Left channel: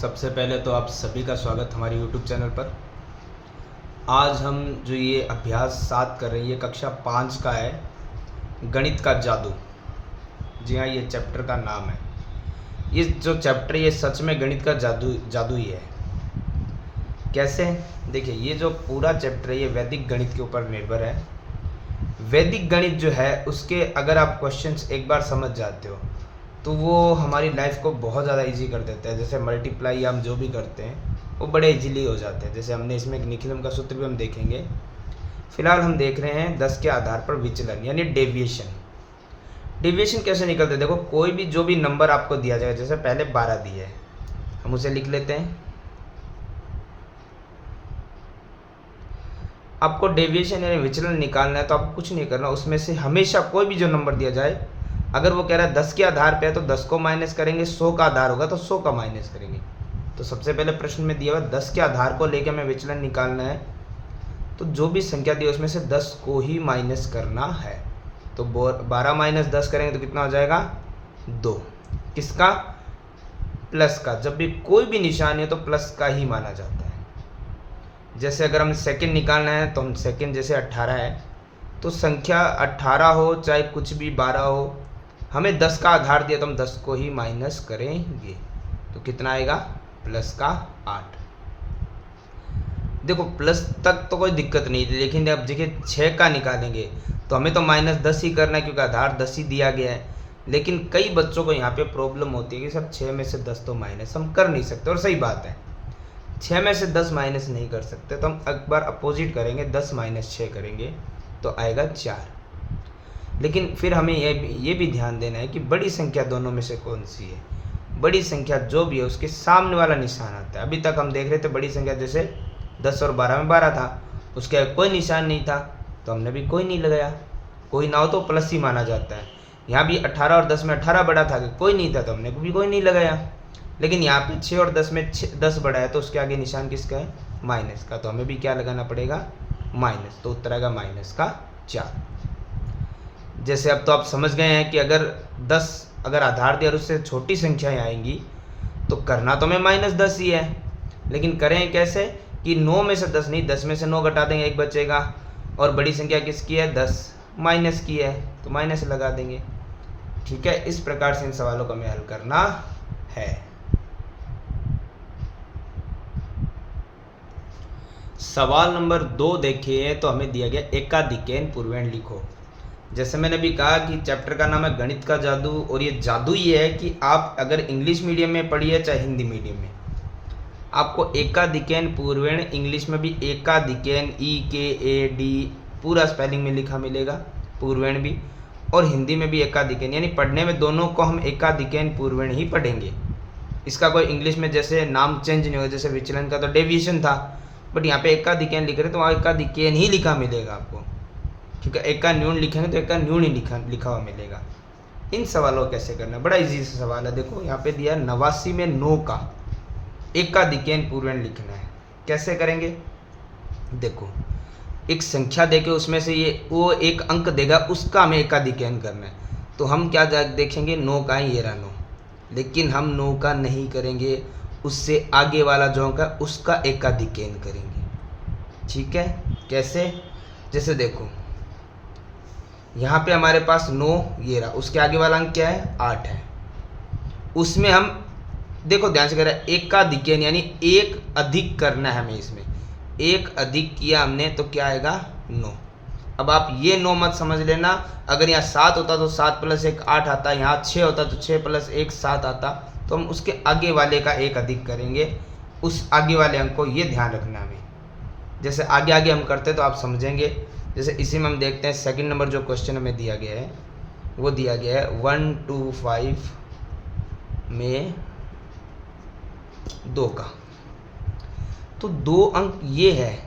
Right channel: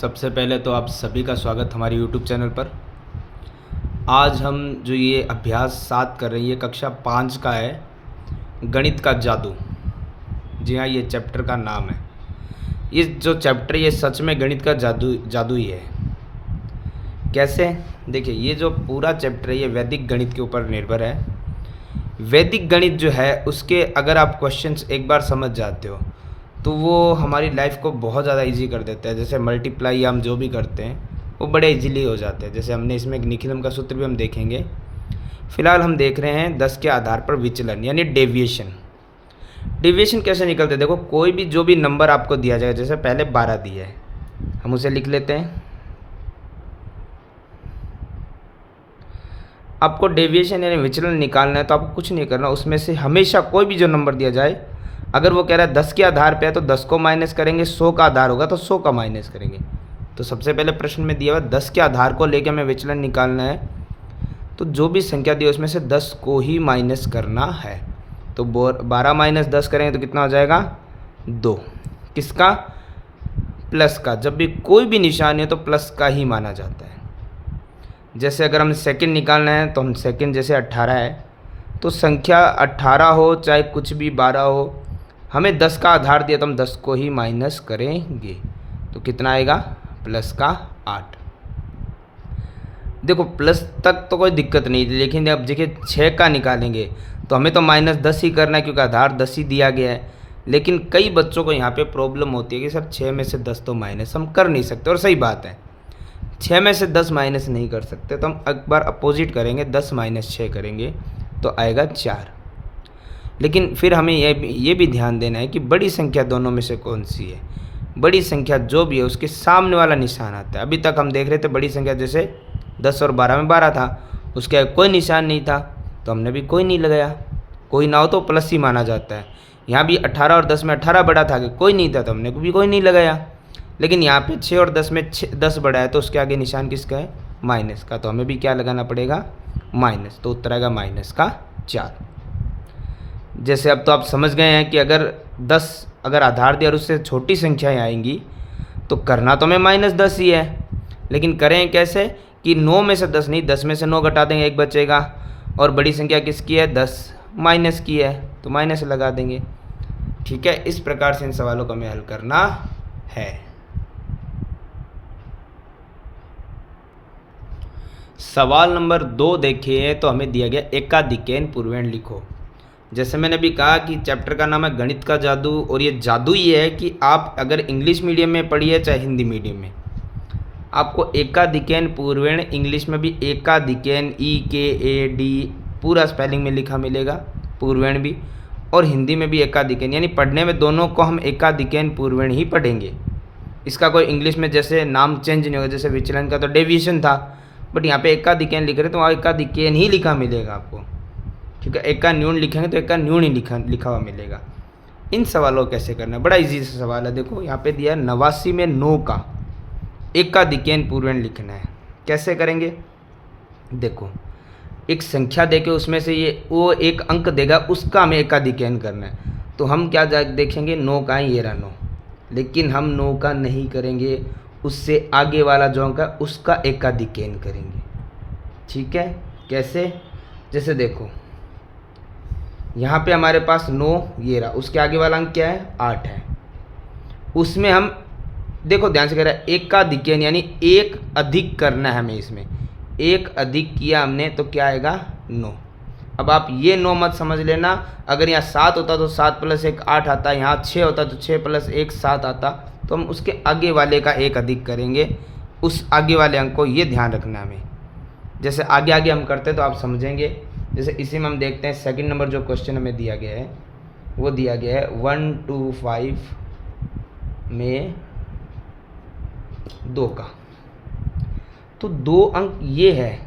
सबसे पहले तो आप सभी का स्वागत हमारे YouTube चैनल पर। आज हम जो ये अभ्यास 7 कर रहे हैं, ये कक्षा 5 का है, गणित का जादू। जी हाँ, ये चैप्टर का नाम है। ये जो चैप्टर ये सच में गणित का जादू जादू ही है। कैसे? देखिए, ये जो पूरा चैप्टर है ये वैदिक गणित के ऊपर निर्भर है। वैदिक गणित जो है उसके अगर आप क्वेश्चंस एक बार समझ जाते हो तो वो हमारी लाइफ को बहुत ज़्यादा इजी कर देता है। जैसे मल्टीप्लाई हम जो भी करते हैं वो बड़े इजीली हो जाते हैं। जैसे हमने इसमें निखिलम का सूत्र भी हम देखेंगे। फिलहाल हम देख रहे हैं 10 के आधार पर विचलन यानी डेविएशन। डेविएशन कैसे निकलते हैं? देखो, कोई भी जो भी नंबर आपको दिया जाएगा, जैसे पहले 12 दिया है, हम उसे लिख लेते हैं। आपको डेविएशन यानी विचलन निकालना है तो आपको कुछ नहीं करना, उसमें से हमेशा कोई भी जो नंबर दिया जाए, अगर वो कह रहा है 10 के आधार पे है तो 10 को माइनस करेंगे, 100 का आधार होगा तो 100 का माइनस करेंगे। तो सबसे पहले प्रश्न में दिया हुआ 10 के आधार को लेकर हमें विचलन निकालना है, तो जो भी संख्या दी है उसमें से 10 को ही माइनस करना है। तो 12 माइनस 10 करेंगे तो कितना हो जाएगा? 2। किसका? प्लस का। जब भी कोई भी निशानी हो तो प्लस का ही माना जाता है। जैसे अगर हमें सेकंड निकालना है तो हम सेकंड, जैसे 18 है तो संख्या 18 हो चाहे कुछ भी 12 हो, हमें 10 का आधार दिया तो हम 10 को ही माइनस करेंगे। तो कितना आएगा? प्लस का 8। देखो, प्लस तक तो कोई दिक्कत नहीं थी, लेकिन अब देखिए 6 का निकालेंगे तो हमें तो माइनस 10 ही करना है क्योंकि आधार 10 ही दिया गया है। लेकिन कई बच्चों को यहाँ पे प्रॉब्लम होती है कि सर 6 में से 10 तो माइनस हम कर नहीं सकते, और सही बात है, 6 में से 10 माइनस नहीं कर सकते। तो हम एक बार अपोजिट करेंगे, 10 माइनस 6 करेंगे तो आएगा 4। लेकिन फिर हमें ये भी ध्यान देना है कि बड़ी संख्या दोनों में से कौन सी है। बड़ी संख्या जो भी है उसके सामने वाला निशान आता है। अभी तक हम देख रहे थे बड़ी संख्या, जैसे 10 और 12 में 12 था, उसके आगे कोई निशान नहीं था तो हमने भी कोई नहीं लगाया। कोई ना हो तो प्लस ही माना जाता है। यहाँ भी 18 और 10 में 18 बड़ा था, कोई नहीं था तो हमने भी कोई नहीं लगाया। लेकिन यहाँ पे 6 और 10 में 10 बड़ा है तो उसके आगे निशान किसका है? माइनस का। तो हमें भी क्या लगाना पड़ेगा? माइनस। तो उत्तर आएगा माइनस का 4। जैसे अब तो आप समझ गए हैं कि अगर 10 अगर आधार दिया और उससे छोटी संख्याएं आएंगी तो करना तो हमें माइनस 10 ही है। लेकिन करें कैसे कि 9 में से 10 नहीं, 10 में से 9 घटा देंगे, 1 बचेगा। और बड़ी संख्या किसकी है? 10 माइनस की है तो माइनस लगा देंगे। ठीक है, इस प्रकार से इन सवालों को हमें हल करना है। सवाल नंबर 2 देखिए, तो हमें दिया गया एकाधिकैन पूर्वेण लिखो। जैसे मैंने भी कहा कि चैप्टर का नाम है गणित का जादू, और ये जादू ये है कि आप अगर इंग्लिश मीडियम में पढ़िए चाहे हिंदी मीडियम में, आपको एकाधिकैन पूर्वेण, इंग्लिश में भी एकाधिकैन EKAD पूरा स्पेलिंग में लिखा मिलेगा, पूर्वेण भी, और हिंदी में भी एकाधिकैन, यानी पढ़ने में दोनों को हम एकाधिकैन पूर्वेण ही पढ़ेंगे। इसका कोई इंग्लिश में जैसे नाम चेंज नहीं होगा। जैसे विचलन का तो डेविएशन था, बट यहाँ पे एकाधिकैन लिख रहे तो वहाँ एकाधिकैन ही लिखा मिलेगा आपको। ठीक है, एका न्यून लिखेंगे तो एका न्यून ही लिखा हुआ मिलेगा। इन सवालों को कैसे करना है? बड़ा इजी सा सवाल है। देखो, यहाँ पे दिया 89 में 9 का एकाधिकैन पूर्वेण लिखना है। कैसे करेंगे? देखो, एक संख्या देके उसमें से ये वो एक अंक देगा, उसका हमें एकाधिकैन करना है। तो हम क्या देखेंगे? 9 का ही, ये रहा 9। लेकिन हम 9 का नहीं करेंगे, उससे आगे वाला जो अंक है उसका एकाधिकैन करेंगे। ठीक है, कैसे? जैसे देखो, यहाँ पे हमारे पास 9 ये रहा, उसके आगे वाला अंक क्या है? 8 है। उसमें हम देखो ध्यान से करें, एकाधिकैन यानी एक अधिक करना है हमें। इसमें एक अधिक किया हमने तो क्या आएगा? 9। अब आप ये 9 मत समझ लेना, अगर यहाँ 7 होता तो 7 + 1 8 आता, यहाँ 6 होता तो 6 + 1 7 आता। तो हम उसके आगे वाले का एक अधिक करेंगे, उस आगे वाले अंक को, ये ध्यान रखना है हमें। जैसे आगे आगे हम करते तो आप समझेंगे। जैसे इसी में हम देखते हैं सेकंड नंबर जो क्वेश्चन हमें दिया गया है, वो दिया गया है 125 में 2 का। तो 2 अंक ये है,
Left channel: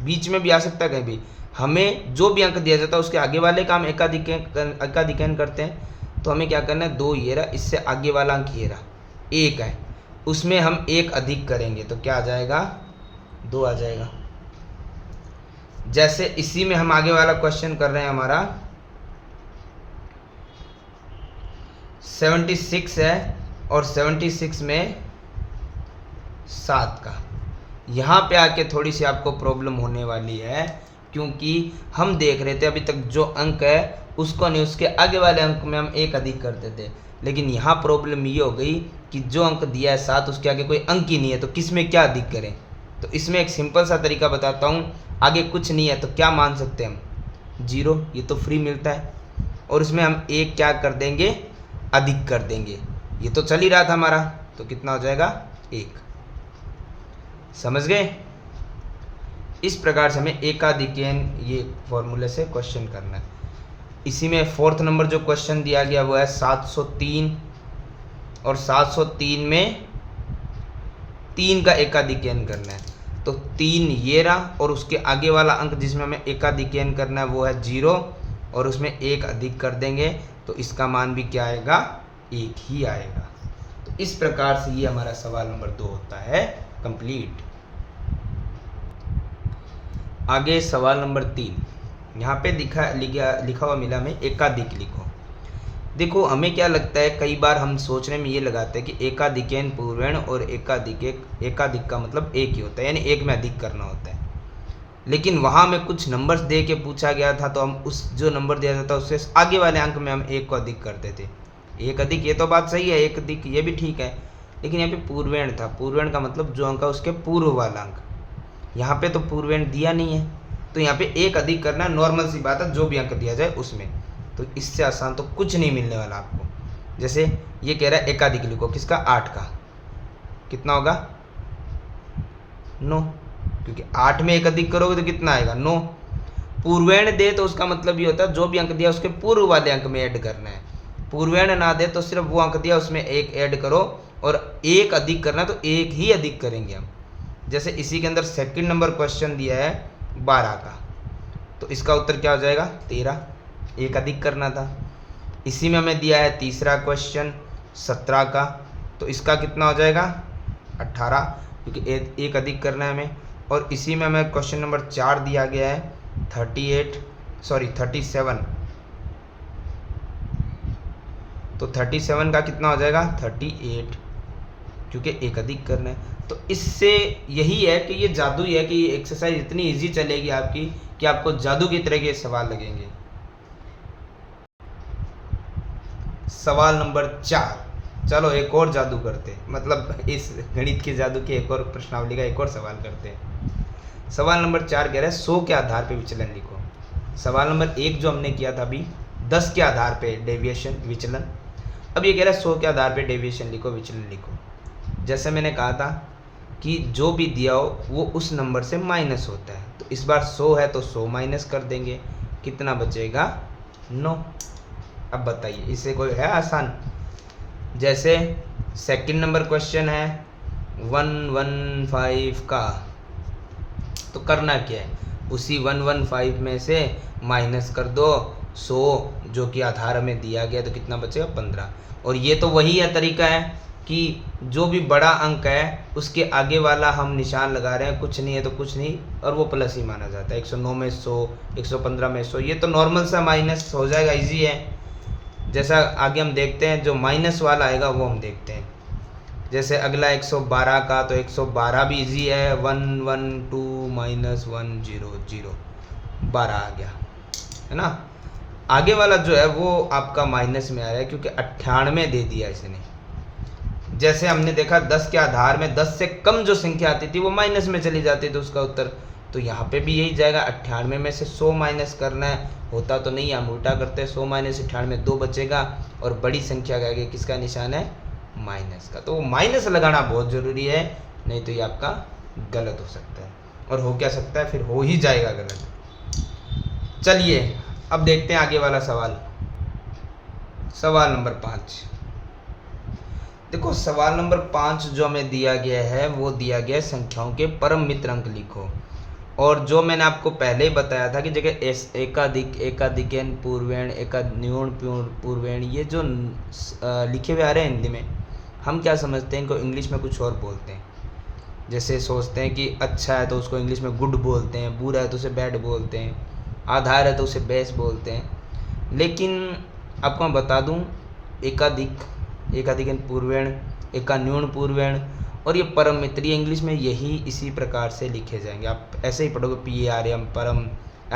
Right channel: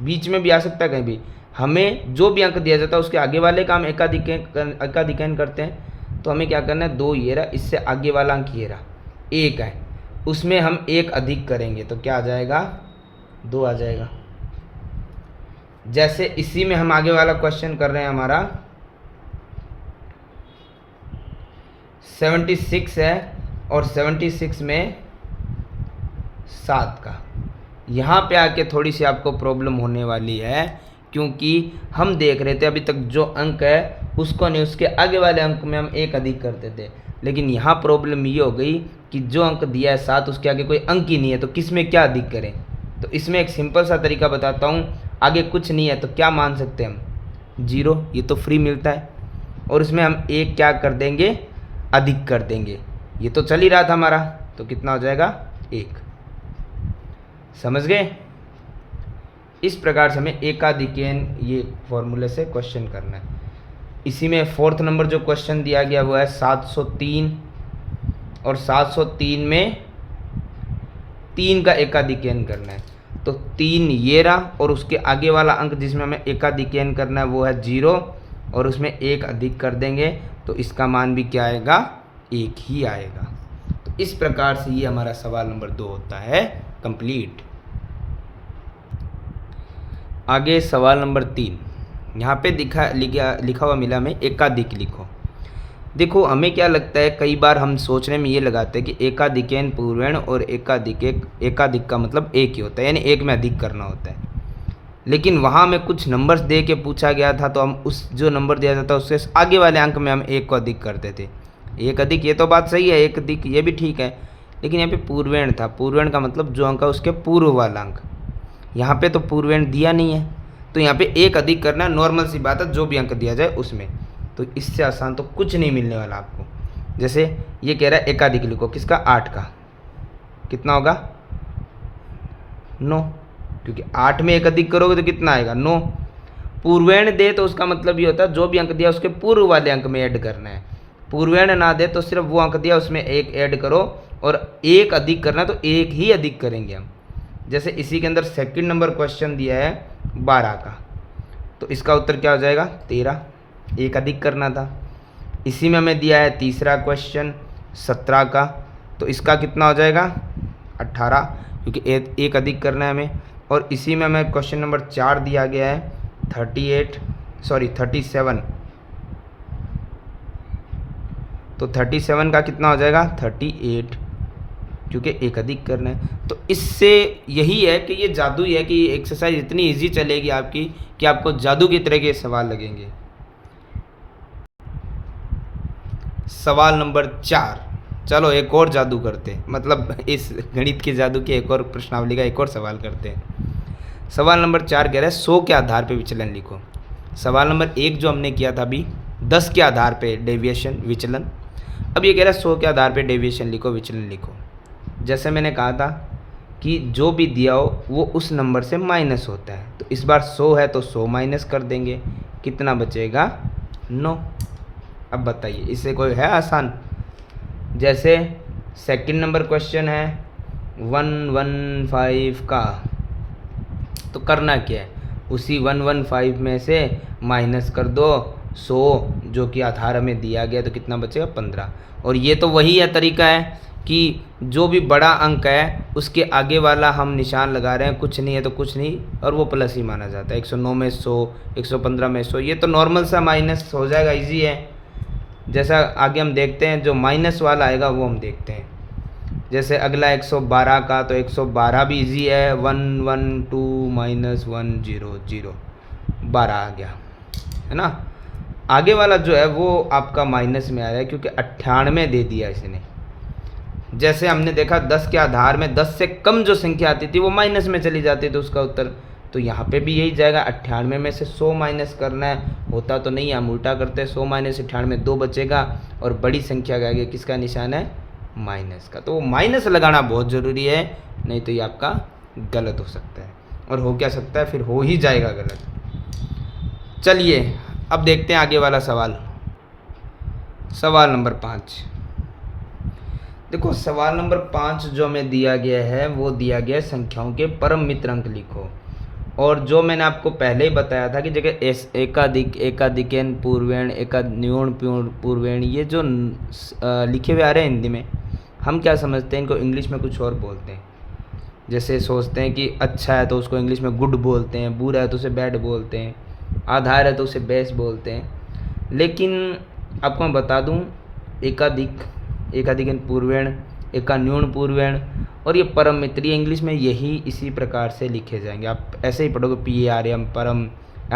बीच में भी आ सकता है कहीं भी। हमें जो भी अंक दिया जाता है उसके आगे वाले का हम एकाधिकैन करते हैं। तो हमें क्या करना है? 2 ये रहा, इससे आगे वाला अंक ये रहा 1 है, उसमें हम एक अधिक करेंगे तो क्या आ जाएगा? 2 आ जाएगा। जैसे इसी में हम आगे वाला क्वेश्चन कर रहे हैं, हमारा 76 है और 76 में 7 का। यहाँ पे आके थोड़ी सी आपको प्रॉब्लम होने वाली है, क्योंकि हम देख रहे थे अभी तक जो अंक है उसको नहीं, उसके आगे वाले अंक में हम एक अधिक करते थे। लेकिन यहाँ प्रॉब्लम ये हो गई कि जो अंक दिया है 7, उसके आगे कोई अंक ही नहीं है, तो किस में क्या अधिक करें। तो इसमें एक सिंपल सा तरीका बताता हूँ। आगे कुछ नहीं है तो क्या मान सकते हैं हम, 0, ये तो फ्री मिलता है, और इसमें हम एक क्या कर देंगे, अधिक कर देंगे। ये तो चल ही रहा था हमारा, तो कितना हो जाएगा, 1। समझ गए। इस प्रकार से हमें एकाधिकेन ये फॉर्मूले से क्वेश्चन करना है। इसी में 4th नंबर जो क्वेश्चन दिया गया वो है 703, और 703 में 3 का एकाधिकेन करना है। तो 3 ये रहा, और उसके आगे वाला अंक जिसमें हमें एकाधिकेन करना है वो है 0, और उसमें 1 अधिक कर देंगे, तो इसका मान भी क्या आएगा, 1 ही आएगा। तो इस प्रकार से ये हमारा सवाल नंबर 2 होता है कंप्लीट। आगे सवाल नंबर 3, यहाँ पे लिखा हुआ मिला में एकाधिक लिखो। देखो हमें क्या लगता है, कई बार हम सोचने में ये लगाते हैं कि एकाधिकेन पूर्वेण और एकाधिक का मतलब एक ही होता है, यानी एक में अधिक करना होता है। लेकिन वहाँ में कुछ नंबर्स दे के पूछा गया था, तो हम उस जो नंबर दिया जाता है उससे आगे वाले अंक में हम एक को अधिक करते थे। एक अधिक ये तो बात सही है, एक अधिक ये भी ठीक है, लेकिन यहाँ पे पूर्वेण था। पूर्वेण का मतलब जो अंक है उसके पूर्व वाला अंक। यहाँ पे तो पूर्वेण दिया नहीं है, तो यहाँ पे एक अधिक करना नॉर्मल सी बात है, जो भी अंक दिया जाए उसमें। तो इससे आसान तो कुछ नहीं मिलने वाला आपको। जैसे ये कह रहा है एकाधिक लिखो, किसका, 8 का, कितना होगा, 9, क्योंकि 8 में एक अधिक करोगे तो कितना आएगा, 9। पूर्वेण दे तो उसका मतलब ये होता है जो भी अंक दिया उसके पूर्व वाले अंक में ऐड करना है। पूर्वेण ना दे तो सिर्फ वो अंक दिया उसमें एक ऐड करो, और एक अधिक करना तो एक ही अधिक करेंगे हम। जैसे इसी के अंदर 2nd नंबर क्वेश्चन दिया है 12 का, तो इसका उत्तर क्या हो जाएगा, 13, एक अधिक करना था। इसी में हमें दिया है तीसरा क्वेश्चन 17 का, तो इसका कितना हो जाएगा, 18, क्योंकि एक अधिक करना है हमें। और इसी में हमें क्वेश्चन नंबर 4 दिया गया है 37, तो 37 का कितना हो जाएगा, 38, क्योंकि एक अधिक करना है। तो इससे यही है कि ये जादू ही है कि ये एक्सरसाइज इतनी इजी चलेगी आपकी कि आपको जादू की तरह के सवाल लगेंगे। सवाल नंबर 4, चलो एक और जादू करते हैं, मतलब इस गणित के जादू के एक और प्रश्नावली का एक और सवाल करते हैं। सवाल नंबर 4 कह रहा है 100 के आधार पे विचलन लिखो। सवाल नंबर 1 जो हमने किया था अभी, 10 के आधार पे डेविएशन विचलन। अब ये कह रहा है 100 के आधार पे डेविएशन लिखो, विचलन लिखो। जैसे मैंने कहा था कि जो भी दिया हो वो उस नंबर से माइनस होता है, तो इस बार 100 है तो 100 माइनस कर देंगे, कितना बचेगा, 9। अब बताइए इससे कोई है आसान। जैसे 2nd नंबर क्वेश्चन है 115 का, तो करना क्या है, उसी 115 में से माइनस कर दो 100 जो कि आधार हमें दिया गया, तो कितना बचेगा, 15। और ये तो वही है तरीका है कि जो भी बड़ा अंक है उसके आगे वाला हम निशान लगा रहे हैं, कुछ नहीं है तो कुछ नहीं, और वो प्लस ही माना जाता है। 109 में 100, 115 में 100, ये तो नॉर्मल सा माइनस हो जाएगा, इजी है। जैसा आगे हम देखते हैं, जो माइनस वाला आएगा वो हम देखते हैं। जैसे अगला 112 का, तो 112 भी इजी है, 112 माइनस 100, 12 आ गया, है ना। आगे वाला जो है वो आपका माइनस में आ रहा है, क्योंकि 98 दे दिया इसने। जैसे हमने देखा 10 के आधार में 10 से कम जो संख्या आती थी वो माइनस में चली जाती थी उसका उत्तर, तो यहाँ पे भी यही जाएगा। 98 में से 100 माइनस करना है, होता तो नहीं, हम उल्टा करते हैं, 100 माइनस 98, 2 बचेगा, और बड़ी संख्या का आगे किसका निशान है, माइनस का। तो वो माइनस लगाना बहुत ज़रूरी है, नहीं तो ये आपका गलत हो सकता है, और हो क्या सकता है, फिर हो ही जाएगा गलत। चलिए अब देखते हैं आगे वाला सवाल। सवाल नंबर 5, देखो सवाल नंबर 5 जो हमें दिया गया है वो दिया गया है संख्याओं के परम मित्र अंक लिखो। और जो मैंने आपको पहले ही बताया था कि जगह एकाधिक, एकाधिकेन पूर्वेण, एकान्यून पूर्वेण, ये जो लिखे हुए आ रहे हैं हिंदी में, हम क्या समझते हैं, इनको इंग्लिश में कुछ और बोलते हैं। जैसे सोचते हैं कि अच्छा है तो उसको इंग्लिश में गुड बोलते हैं, बुरा है तो उसे बैड बोलते हैं, आधार है तो उसे बेस बोलते हैं। लेकिन आपको मैं बता दूं, एकाधिक, एकाधिकेन पूर्वेण, एकान्यून पूर्वेण और ये परम मित्र, ये इंग्लिश में यही इसी प्रकार से लिखे जाएंगे। आप ऐसे ही पढ़ोगे PARM परम,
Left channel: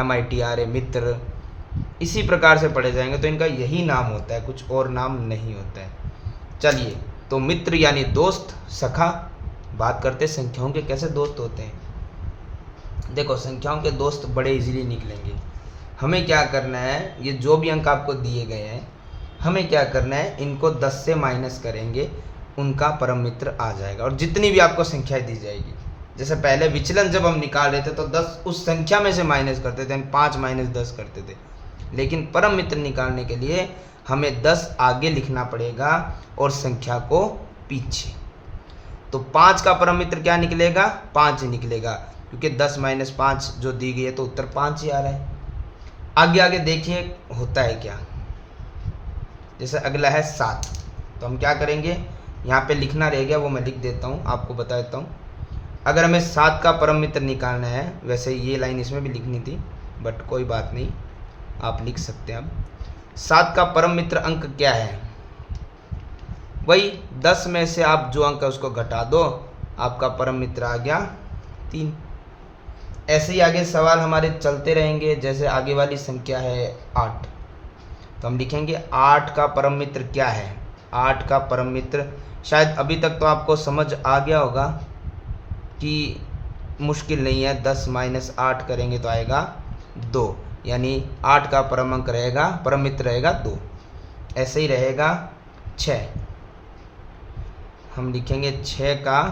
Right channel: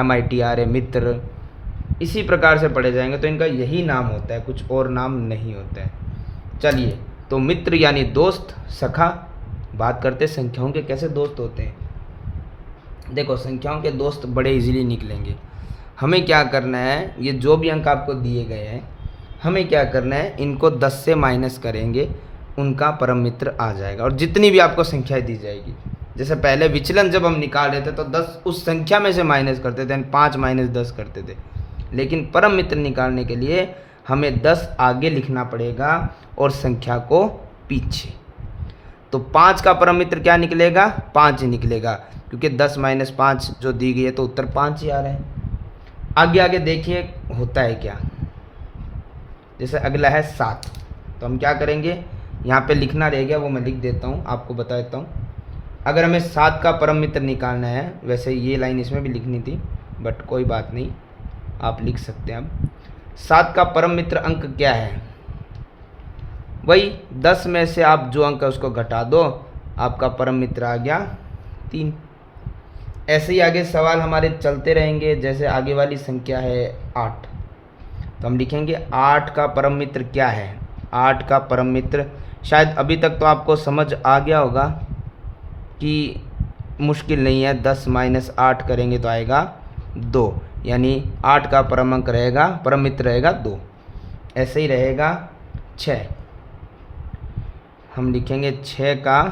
MITRA मित्र, इसी प्रकार से पढ़े जाएंगे। तो इनका यही नाम होता है, कुछ और नाम नहीं होता है। चलिए, तो मित्र यानी दोस्त, सखा। बात करते संख्याओं के कैसे दोस्त होते हैं। देखो, संख्याओं के दोस्त बड़े इजीली निकलेंगे। हमें क्या करना है, ये जो भी अंक आपको दिए गए हैं, हमें क्या करना है, इनको 10 से माइनस करेंगे, उनका परम मित्र आ जाएगा। और जितनी भी आपको संख्याएं दी जाएगी, जैसे पहले विचलन जब हम निकाल रहे थे तो 10 उस संख्या में से माइनस करते थे, 5 - 10 करते थे। लेकिन परम मित्र निकालने के लिए हमें 10 आगे लिखना पड़ेगा और संख्या को पीछे। तो 5 का परम मित्र क्या निकलेगा, 5 निकलेगा, क्योंकि 10 - 5 जो दी गई है तो उत्तर 5 ही आ रहा है। आगे आगे देखिए होता है क्या। जैसे अगला है 7, तो हम क्या करेंगे, यहाँ पे लिखना रह गया, वो मैं लिख देता हूँ, आपको बता देता हूँ। अगर हमें 7 का परम मित्र निकालना है, वैसे ये लाइन इसमें भी लिखनी थी बट कोई बात नहीं, आप लिख सकते हैं। अब 7 का परम मित्र अंक क्या है, वही 10 में से आप जो अंक है उसको घटा दो, आपका परम मित्र आ गया 3। ऐसे ही आगे सवाल हमारे चलते रहेंगे। जैसे आगे वाली संख्या है 8, तो हम लिखेंगे 8 का परम मित्र क्या है। 8 का परम मित्र, शायद अभी तक तो आपको समझ आ गया होगा कि मुश्किल नहीं है। 10 - 8 करेंगे तो आएगा 2, यानी 8 का परम अंक रहेगा, परम मित्र रहेगा 2। ऐसे ही रहेगा 6, हम लिखेंगे 6 का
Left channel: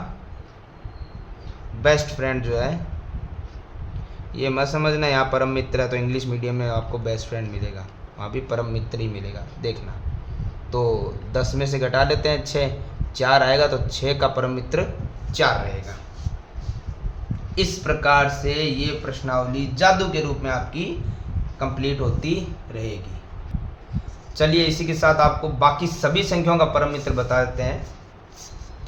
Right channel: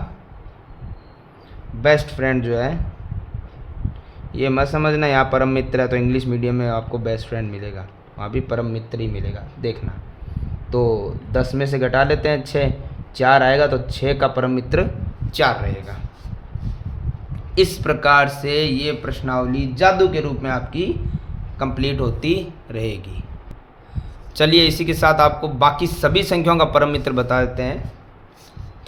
बेस्ट फ्रेंड जो है, ये मत समझना यहाँ परम मित्र है तो इंग्लिश मीडियम में आपको बेस्ट फ्रेंड मिलेगा, वहाँ भी परम मित्र ही मिलेगा, देखना। तो 10 में से घटा लेते हैं 6, 4 आएगा, तो 6 का परम मित्र 4 रहेगा। इस प्रकार से ये प्रश्नावली जादू के रूप में आपकी कंप्लीट होती रहेगी। चलिए, इसी के साथ आपको बाकी सभी संख्याओं का परम मित्र बता देते हैं,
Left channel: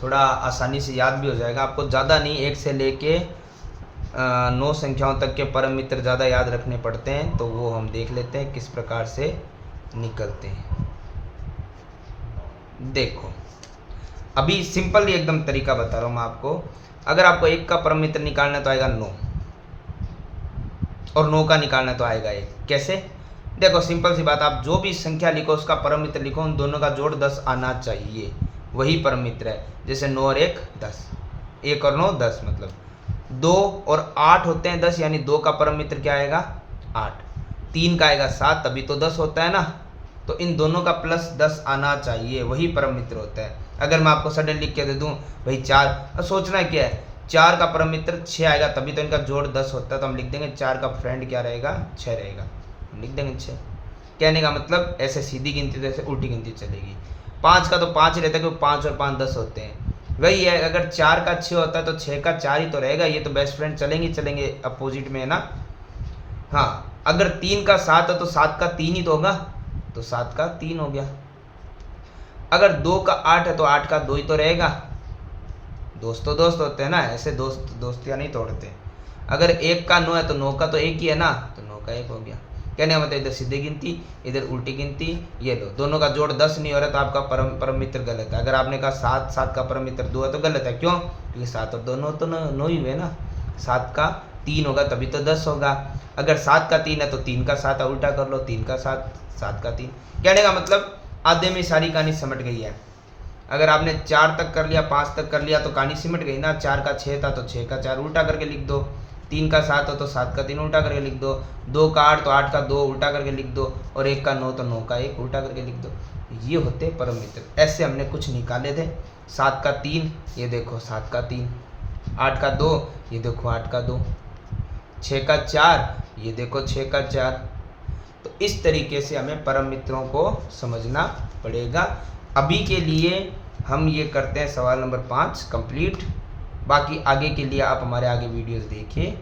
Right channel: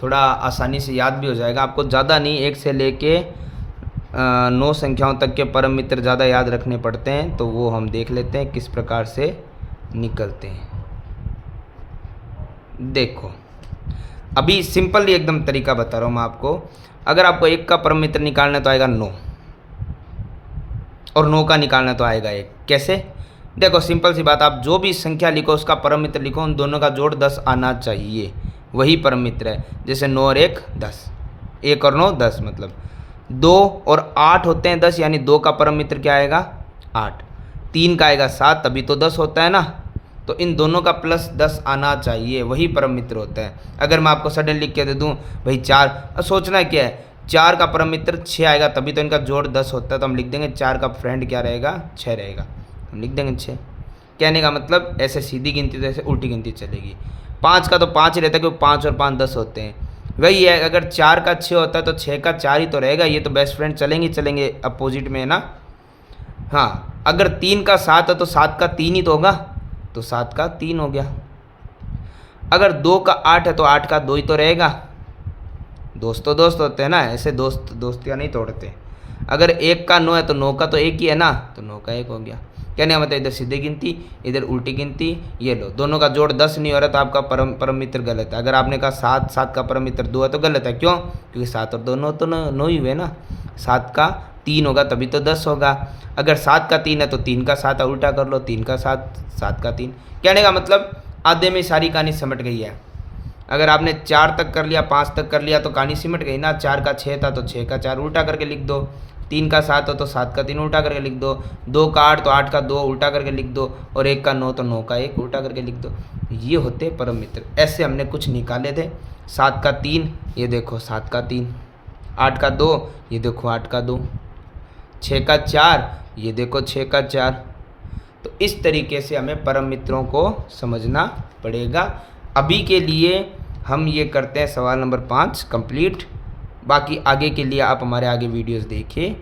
थोड़ा आसानी से याद भी हो जाएगा आपको। ज़्यादा नहीं, 1 से लेके 9 संख्याओं तक के परम मित्र ज़्यादा याद रखने पड़ते हैं, तो वो हम देख लेते हैं किस प्रकार से निकलते हैं। देखो, अभी सिंपल एकदम तरीका बता रहा हूँ मैं आपको। अगर आपको 1 का परम मित्र निकालना है तो आएगा 9, और 9 का निकालना तो आएगा 1। कैसे, देखो सिंपल सी बात, आप जो भी संख्या लिखो उसका परम मित्र लिखो, उन दोनों का जोड़ 10 आना चाहिए, वही परम मित्र है। जैसे 9 और 1 10, 1 और 9 10, मतलब 2 और 8 होते हैं 10, यानी 2 का परम मित्र क्या आएगा 8। 3 का आएगा 7, तभी तो 10 होता है ना। तो इन दोनों का प्लस 10 आना चाहिए, वही परम मित्र होता है। अगर मैं आपको सडन लिख के दे दूं भाई 4, सोचना क्या है, 4 का परम मित्र 6 आएगा, तभी तो इनका जोड़ 10 होता है। तो हम लिख देंगे 4 का फ्रेंड क्या रहेगा 6 रहेगा, हम लिख देंगे 6। कहने का मतलब ऐसे सीधी गिनती तो ऐसे उल्टी गिनती चलेगी। 5 का तो 5 ही रहता है, क्योंकि 5 और 5 10 होते हैं। वही है, अगर 4 का 6 होता है तो 6 का 4 ही तो रहेगा, ये तो बेस्ट फ्रेंड चलेंगे अपोजिट में है ना। हाँ, अगर 3 का 7 है तो 7 का 3 ही तो होगा, तो 7 का 3 हो गया। अगर 2 का 8 है तो 8 का 2 ही तो रहेगा। दोस्त तो दोस्त होते हैं ना, ऐसे दोस्तियाँ नहीं तोड़ते। अगर 1 का 9 है तो 9 का तो 1 ही है ना, तो 9 का 1 हो गया। कहने का मतलब इधर सीधी गिनती, इधर उल्टी गिनती। ये लो, दोनों का जोड़ 10 नहीं हो रहा तो आपका परम मित्र गलत है। अगर आपने कहा 7 का परम मित्र 2 है तो गलत है। क्यों, क्योंकि 7 और 2 तो 9 ही हुए ना। 7 का 3 होगा तभी तो 10 होगा। अगर 7 का 3 है तो 3 का 7 उल्टा कर लो, 3 का 7, 7 का 3। कहने का मतलब आधे में सारी कहानी सिमट गई है। अगर आपने 4 तक कर लिया, 5 तक कर लिया तो कहानी सिमट गई ना। 4 का 6 था तो 6 का 4 उल्टा करके लिख दो। 3 का 7 हो तो 7 का 3 उल्टा करके लिख दो। 2 का 8 तो 8 का 2 उल्टा करके लिख दो। और 1 का 9 तो 9 का 1 उल्टा करके लिख दो। ये होते परम मित्र। ऐसे हमने कुछ निकाले थे। 7 का 3, ये देखो 7 का 3। 8 का 2, ये देखो 8 का 2। 6 का 4, ये देखो 6 का 4। तो इस तरीके से हमें परम मित्रों को समझना पड़ेगा। अभी के लिए हम ये करते हैं सवाल नंबर 5 कंप्लीट। बाकी आगे के लिए आप हमारे आगे वीडियोस देखिए,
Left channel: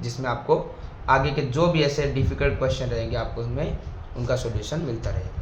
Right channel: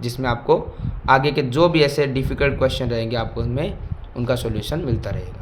जिसमें आपको आगे के जो भी ऐसे डिफ़िकल्ट क्वेश्चन रहेंगे आपको उनमें उनका सॉल्यूशन मिलता रहेगा।